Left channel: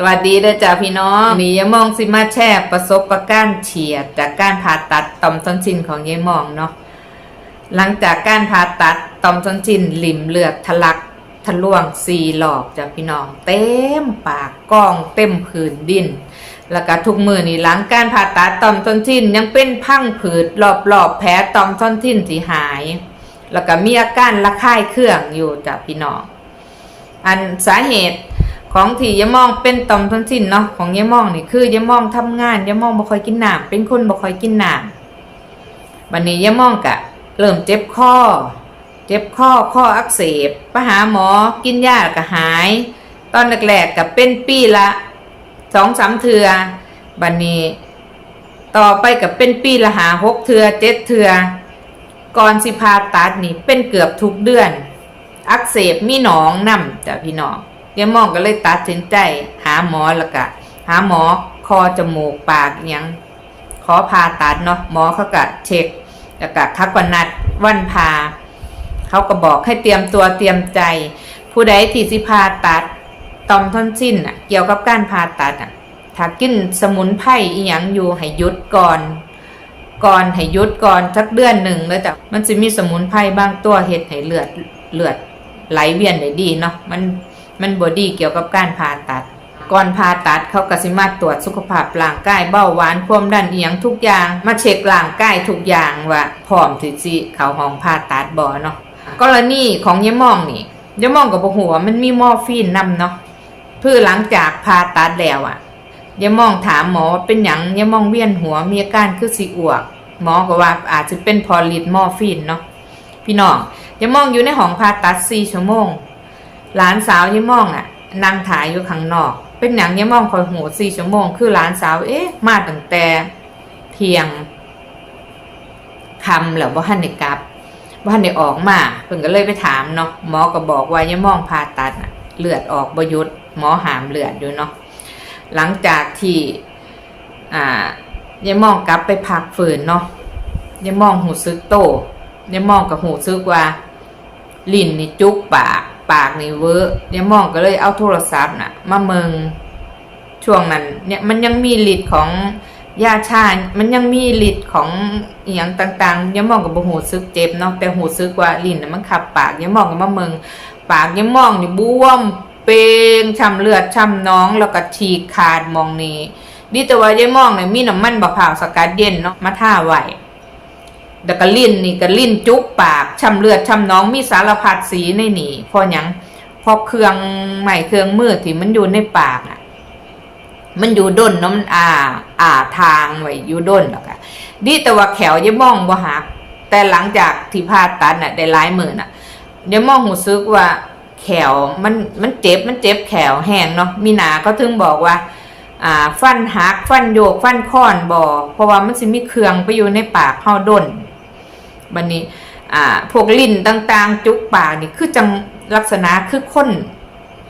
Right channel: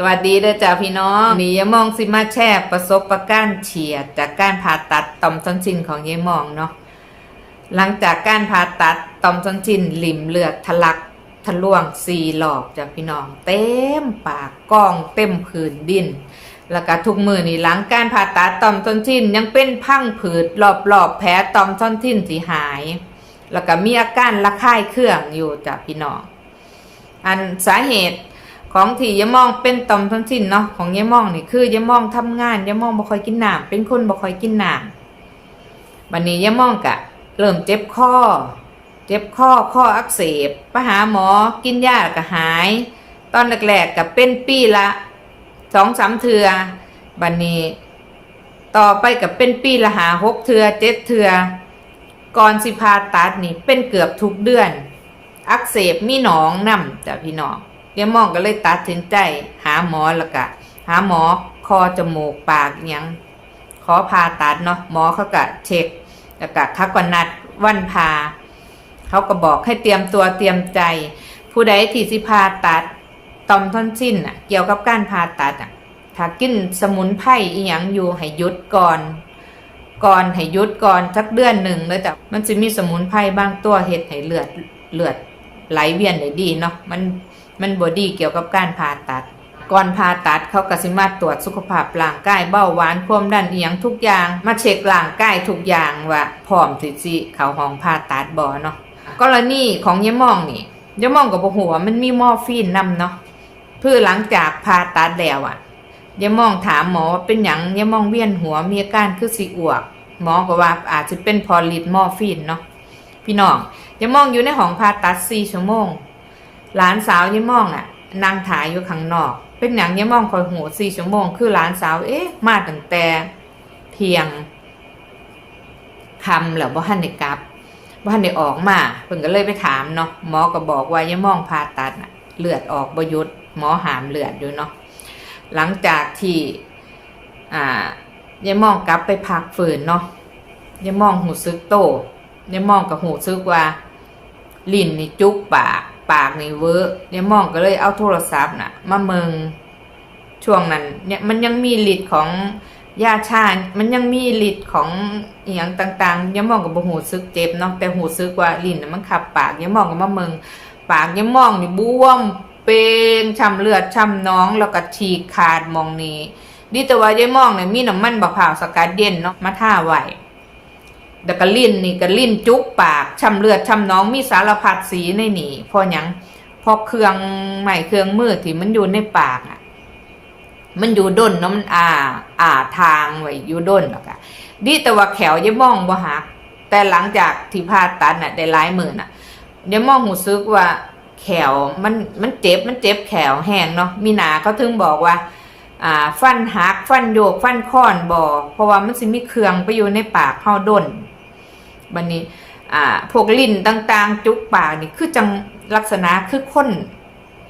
สวัสดีเด้อจ้าพี่น้องนี่ยมองสิมาแชร์ประสบการเฉียด จากการผ่าตัดต่อมทอนซิลของยายมองเนาะหลังจากการผ่าตัดต่อมทอนซิลหลิมเลือดทะลักทะลวงสี่หลอกจ้าพี่น้อง เต็มปากก้องเต็มผืนดิน แล้วก็ทุกมือนี่หลังการผ่าตัดต่อมทอนซิลยังเป็นพังผืดรอบๆแผลต่อมทอนซิลที่หาย แล้วก็มีอาการระคายเคืองอยู่จ้าพี่น้อง อันสาเหตุ ของที่ยายมองเป็นต่อมทอนซิลเนาะของยายมองนี่คือยายมองทำงานยายมองบ่ค่อยกินน้ำเป็นคนบ่ค่อยกินน้ำวันนี้ยายมองกะ เริ่มเจ็บคอเจ็บคอข้ออักเสบไปหาหมอกินยาก็หาย ตอนแรกๆกับเป็นปีละสองสามเทือบันนี้ ต่อไปกับเป็นปีละหาหกเทือเจ็ดเทือก่อนสิพาตัดนี่เป็นเกือบทุกเดือน อักเสบมีหนองนำจ้ะพี่น้อง ยายมองก็เลยตัดสินใจ หาหมอแล้วก็หาหมอคอจมูกปากอิหยังขอผ่าตัดเนาะหมอเขาก็เช็คแล้วก็ทักวันนัดวันพาเขาก็บอกให้เตรียมตัวเตรียมใจ ผู้ใดที่สิผ่าตัดตอมท่อนสิ้นอะเกี่ยวกับการผ่าตัดอะถ้ากินสมุนไพรอีหยังอยู่ให้ยุดก่อน ก่อนให้ยุดก่อนสักเดือนหนึ่งแล้วจ้ะมันจะมีสมุนไพรบางตัวเฮ็ดให้เลือดเลือดไหลเวียนได้ดีเนาะมัน มันบอดีเกี่ยวกับการผ่าตัด ก่อนผ่าตัดเขากสิมาตรวจสุขภาพร่างกายเบาหวานความดันเอียงทุกอย่าง มาเช็คร่างกายทุกอย่างว่าพร้อมที่สิเขาห้องผ่าตัดบ่เนาะกรณีของยายมองนี่ยายมองกับบ่ฮู้ว่ามันมีมอร์ฟีนนำเนาะเพื่อหลังจากผ่าตัดแล้วอะยายมองถามหมอว่าเป็นหยังยายมองเวียนหัวมีอาการคือสิอ้วก หมอก็ว่าอาจจะเป็นพอลิดมอร์ฟีนเนาะพี่น้องยายมองอยู่ในห้องผ่าตัดสี่ชั่วโมง หลานสาวยายมองอะนั่งถ่ายอยู่ข้างนอก เป็นหยังยายมองคอยหูสี่ชั่วโมง คือหลานสาวเอ๊ะมาตั้งแต่เที่ยงคำแล้วว่าหันได้กลับว่าหันได้ออกมาเพิ่นก็เลยไปถามเนาะหมอก็บอกว่ายายมองผ่าตัดน่ะเลือดออกบหยุดหมอหามเลือดอยู่เนาะหลังจากที่อ่ายายมองกลับไปพักฝืนเนาะยายมองหูซึกโตยายมองกับหูซึกว่า ลิ้นนี่จุกปาก ปากนี่เวอะยายมองก็เลยเอาโทรศัพท์น่ะ มาเมืองช่วงนั้น เนี่ยมันยังมีฤทธิ์ของยาชา มันยังมีฤทธิ์ของอหย่างต่างๆยายมองกับหูซึกเจ็บเนาะแต่หูซึกว่าลิ้นนะมันขับปากยายมองกับมาเมืองปากยายมองนี่บวมเป็นช้ำเลือดช้ำน้องแล้วก็ฉีกขาดมองนี้ดีแต่ว่ายายมองเนี่ยมีน้ำมันบะพร้าวสกัดเย็นเนาะมาท่าไหว แต่ก็ลิ้นนี่ก็ลิ้นจุกปากช้ำเลือดช้ำน้องมีสารพัดสีในนี่พอหยังพอเครื่องใหม่เครื่องมือที่มันอยู่ในปากอะ มันอยู่ด้นเนาะมันอ่า อ่าทางไว้อยู่ด้นหรอกอะดีแต่ว่าแขวยายมองบ่หักแต่หลังจากที่ผ่าตัดน่ะ ได้หลายหมื่นอะยายมองหูซึกว่าแขวมันมันเจ็บมันเจ็บแขวแห้งเนาะมีหนาเขาถึงบอกว่า อ่า ฟันหักฟันโยกฟันค้อนบอเพราะว่ามันสิมีเครื่องไปอยู่ในปากเข้าด้น บันนี้อ่าพวกลิ้นต่างๆ จุกปากนี่คือจังลักษณะคือคน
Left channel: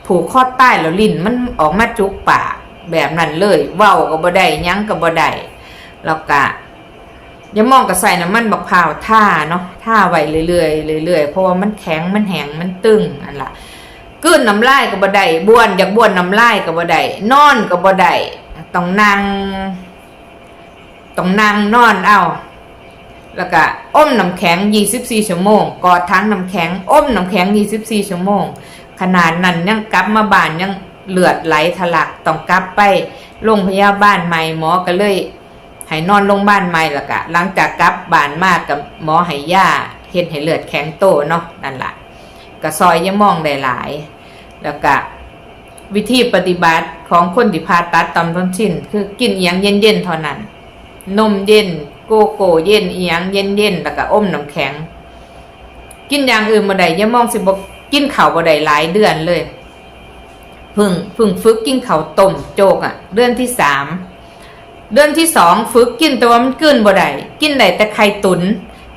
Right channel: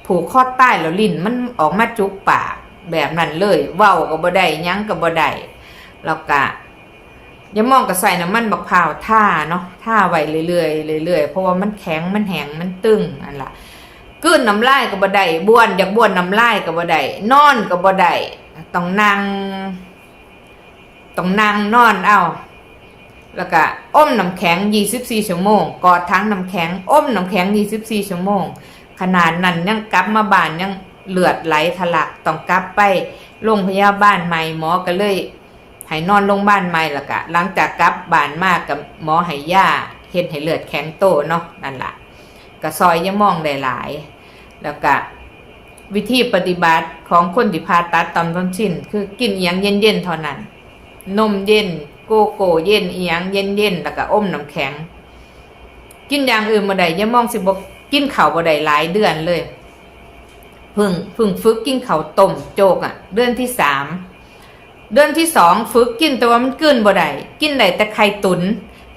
ผูกข้อใต้แล้วลิ้นมันออกมาจุกปากแบบนั้นเลย เว้าก็บ่ได้ยั้งก็บ่ได้แล้วก็อย่ามองกับใส่น้ำมันบักพร้าวท่าเนาะท่าไว้เรื่อยๆเรื่อยๆเพราะว่ามันแข็งมันแห้งมันตึงอันละกลืนน้ำลายก็บ่ได้บ้วนอยากบ้วนน้ำลายก็บ่ได้นอนก็บ่ได้ต้องนั่งต้องนั่งนอนเอา แล้วก็อ้มน้ำแข็ง 24 ชั่วโมง กอดทั้งน้ำแข็งอ้มน้ำแข็ง 24 ชั่วโมง ขนาดนั้นยังกลับมาบ้านยังเลือดไหลทะลักต้องกลับไปโรงพยาบาลใหม่หมอก็เลยให้นอนโรงพยาบาลใหม่และกะหลังจากกลับบ้านมากกับหมอให้ยาเฮ็ดให้เลือดแข็งโตเนาะนั่นล่ะก็ซอยยะมองได้หลาย แล้วก็วิธีปฏิบัติของคนที่ผ่าตัดตอมทอนซิลคือกินเอียงเย็นๆเท่านั้น นมเย็น โกโก้เย็นเอียงเย็นๆแล้วก็อมน้ำแข็ง กินอย่างอื่นบ่ได้ยะมองสิบ่กินข้าวบ่ได้หลายเดือนเลยพึ่งพึ่งฝึกกินข้าวต้มโจกอะ เดือนที่สามเดือนที่สองฝึกกินแต่ว่ามันกลืนบ่ได้กินได้แต่ไข่ตุน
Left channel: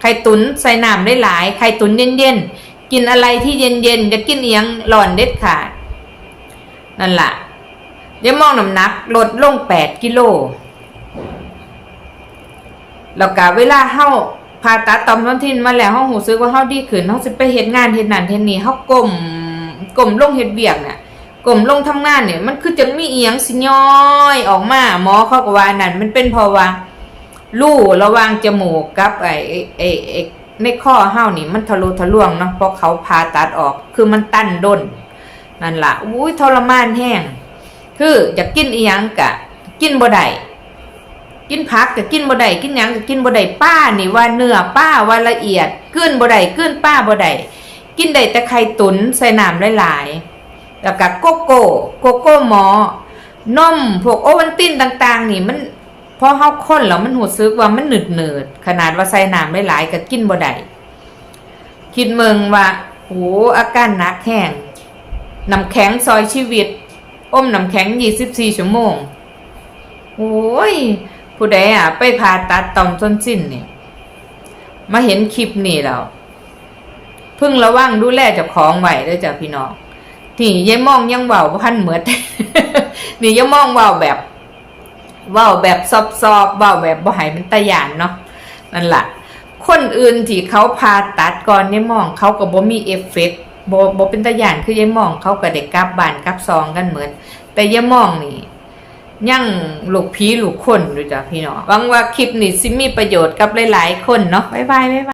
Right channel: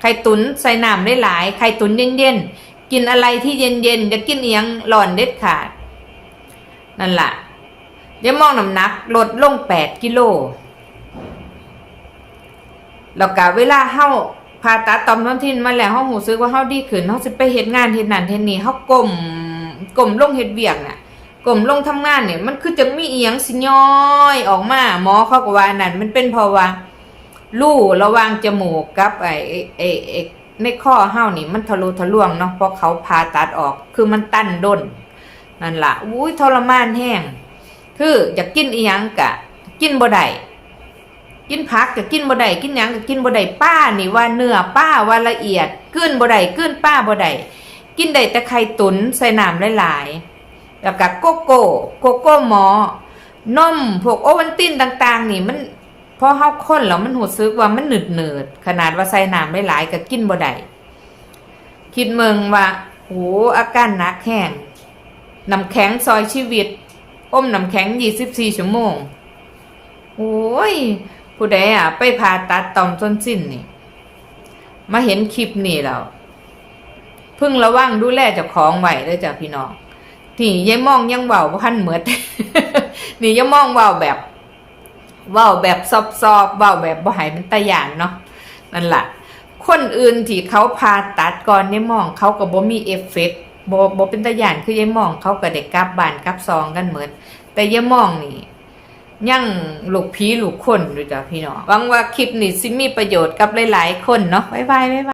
ไข่ตุนใส่น้ำได้หลายไข่ตุนเย็นๆกินอะไรที่เย็นๆจะกินเอียงร้อนเด็ดขาดนั่นล่ะยามองน้ำหนักลดลงแปดกิโล แล้วก็เวลาเฮาผ่าตัดตอมน้ำทินมาแล้วเฮาหูซึกว่าเฮาดีขึ้นเฮาสิไปเฮ็ดงานเฮ็ดนั่นเฮ็ดนี่เฮาก้มก้มลงเฮ็ดเวียกเนี่ยกลมลงทำงานเนี่ยมันคือจะมีเอียงสิย้อยออกมาหมอเขาก็ว่านั่นมันเป็นเพราะว่าลู่ระหว่างจมูกกับไอ้ไอ้ไอ้ในข้อเห้านี่มันทะลุทะลวงเนาะเพราะเขาผ่าตัดออกคือมันตั้นด้นนั่นละอุ้ยทรมานแห้งคืออยากกินเอียงกะ กินบ่ได้ กินผักก็กินบ่ได้กินหยังก็กินบ่ได้ป้านี่ว่าเนื้อป้าว่าละเอียดกลืนบ่ได้กลืนป้าบ่ได้กินได้แต่ไข่ตุ๋นใส่น้ำหลายๆแล้วก็โกโก้โกโก้หมอนมพวกโอวัลตินต่าง ๆ นี่มันพอเฮาค้นแล้วมันหูซึกว่ามันหนืดเนืดๆขนาดว่าใส่น้ำหลายๆก็กินบ่ได้คิดเมืองว่าโหอาการหนักแห้งน้ำแข็งซอยชีวิตอมน้ำแข็ง 24 ชั่วโมงโอ้ย ผู้ใดอะ ไปผ่าตัดต่อมส้นสิ้นเนี่ยมาเห็นคลิปนี่แล้วเพิ่งระวังดูแลเจ้าของไหวด้วยจ้ะพี่น้องนี่ยายมองยังเว้าพันเหมือดนี่ยายมองเว้าแบบเว้าแบบซอบๆเว้าแบบบ่หายเป็นตะยานเนาะนั่นแหละคนอื่นที่เขาผ่าตัดก่อนยายมองเขาก็บ่มีเอฟเฟกต์บ่บ่เป็นตะยานคือยายมองเขาก็ได้กลับบ้านกลับซองกันเหมือนแต่ยายมองนี่ ยังลูกผีลูกคนดูจ้ะพี่น้องหวังว่าคลิปนี้สิมีประโยชน์กับหลายๆคนเนาะบ๊ายบายบ๊ายบาย